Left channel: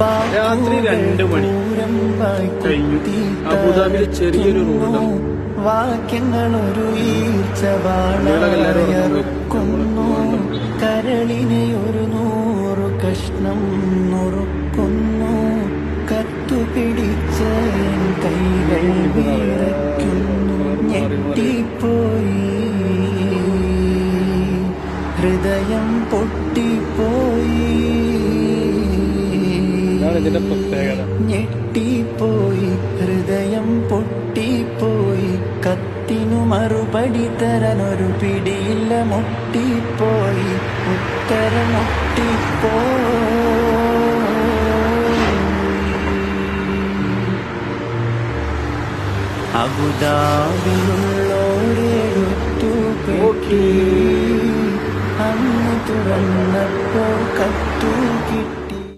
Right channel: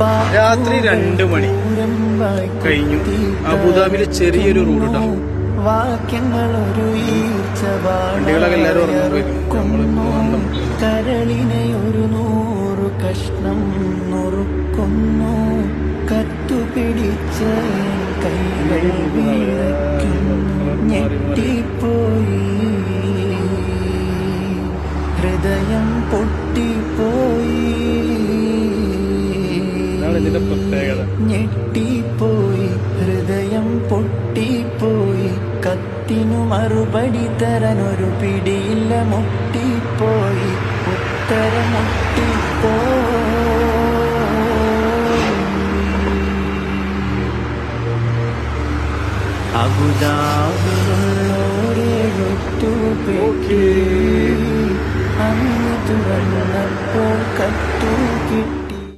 രാത്രി 2 മണി കഴിഞ്ഞു. അബുദാബിയിലെ ചെറിയൊരു റോഡാണ്. വാക്യങ്ങളൊരു ഈർച്ചവാളുന്നു, കരളിനെ ഒരു 100 കഷ്ണം നുറുക്കുന്നു, കത്തുപിടിച്ച കൈകൾ വിറയ്ക്കുന്നു. ഞെട്ടിപ്പോയി, ഹൃദയം പൊട്ടിപ്പോയി, ഞെട്ടിപ്പോയി, ഹൃദയം പൊട്ടിപ്പോയി. കത്തിനു മറുപടി തരാനൊരു പിടിയില്ല, മുട്ടിപ്പോയി, ഉത്തരം മുട്ടിപ്പോയി. അബുദാബിയിലുള്ളോരെഴുത്തു പെട്ടി അന്ന് തുറന്നപ്പോൾ കത്തു കിട്ടി.